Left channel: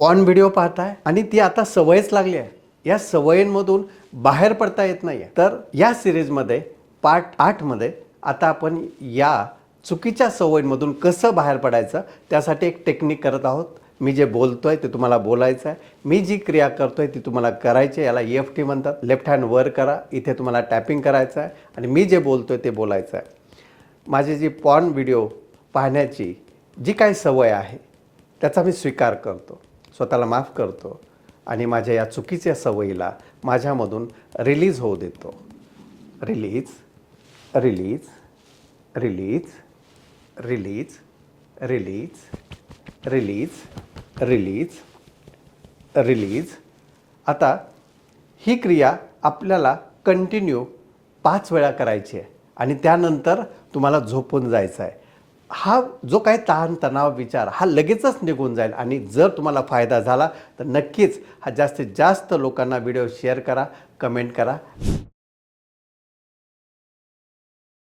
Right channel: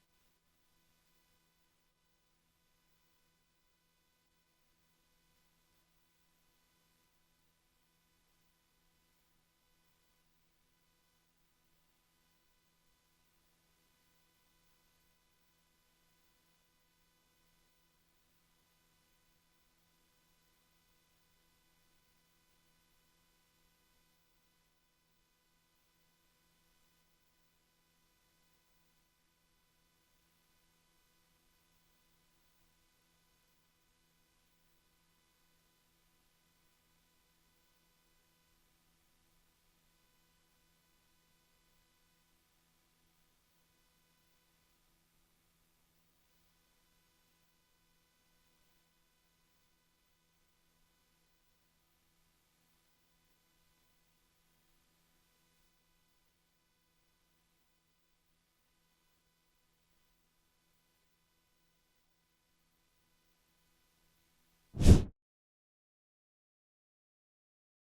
Porn video पाहताय आणि ती आता सवयच लागली आहे. या सवयींमधून बाहेर पडता येत नाही आहे. तर या सिरीजमध्ये पार्ट 8 मध्ये आता आपण या चुकीच्या सवयींमधून कसं बाहेर पडायचं त्यासाठी एक टेक्निक करत आहोत. मी जे बोलतोय ते तुम्हाला बोलायचं आहे. मी जी क्रिया करतोय ती तुम्हाला करायची आहे. याला EFT म्हणतात. लेफ्ट हँड वर करा. इथे तुम्हाला टॅपिंग करायचं आहे आणि मी जे बोलतोय ते बोलायचं आहे. माझी जी पॉर्न व्हिडिओ पाहण्याची जी काही सवय आहे त्याचा मी स्वीकार करतो, स्वतःला माफ करतो आणि माझ्या या चुकीच्या सवयीला माझ्यामधून रिलीज होऊ देतो. Release, release, release, release, release, release, release, release. आता ही क्रिया आपल्याला कंटिन्यू 5 वेळा करायची आहे आणि त्यानंतर तुम्हाला झोपून जायचं आहे. हा जो काही ताणतणाव विचार हा लगेचच निघून जाईल आणि जर तुम्हाला फायदा झाला तर नक्कीच हा जास्तीत जास्त लोकांना व्हिडिओ शेअर करा, कमेंट करा.